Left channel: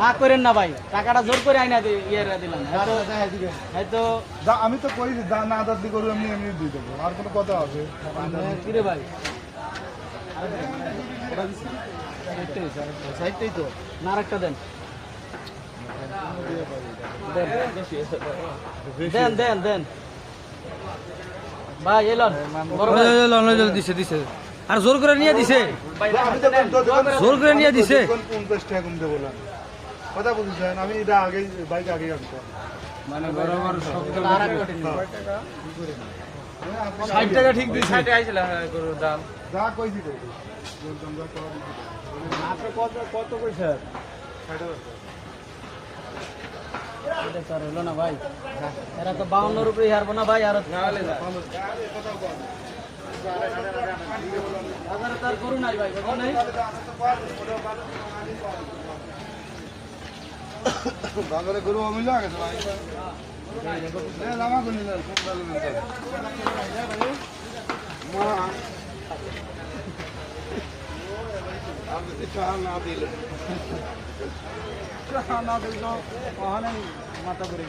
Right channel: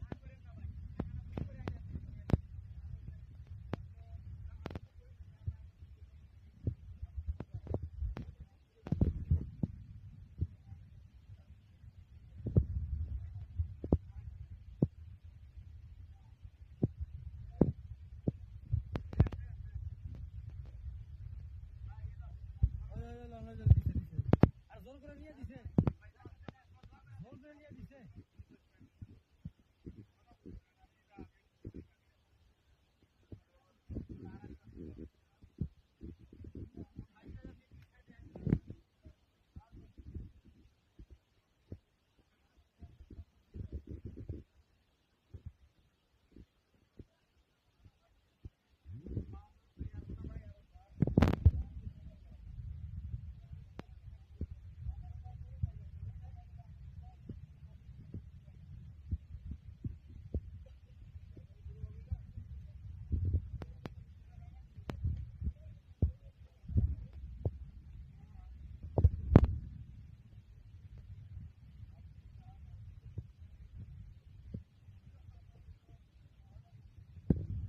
না করেন না ভাই, টাকাটা জোর করে আইনা ইয়ে দিলাম। হয়তো আমি তো কই না আদার দি করু এমনি এমনি দিয়ে দেবো, আর কোনো কথা আছে? কিরে ভাই, সাইডটাই তো না, আরেকটা দেন দেন দেন দেন ভাই, এলন বড় ভাই দিছে আর জোর করে নিয়ে দিছে, জোর করে নিয়ে দিছে। 50 টাকা কম দেবো বললাম, কথা বলছেন। আমি এটা আগে বাইক আগে আসতো, মানে বরাবর শব্দ আর এক কোটি 60 টাকা ঠিক দিছে। 60 আইছিল গরুর দাম। যা কই দিবে আপনি কত কত কইছে? 60 এটা স্যার হলো না ভাই, এরা তো 52 এর উপরে হারবো না ভাই। আর না হলে না তার করুন নাই ভাই, করুন নাই। বাজারে গরু অমিল গেছে ভাই, লামা গুনি না খুব ভালো না মা আমি তো চাল না দিলে না দিল ওখানে মাথা করে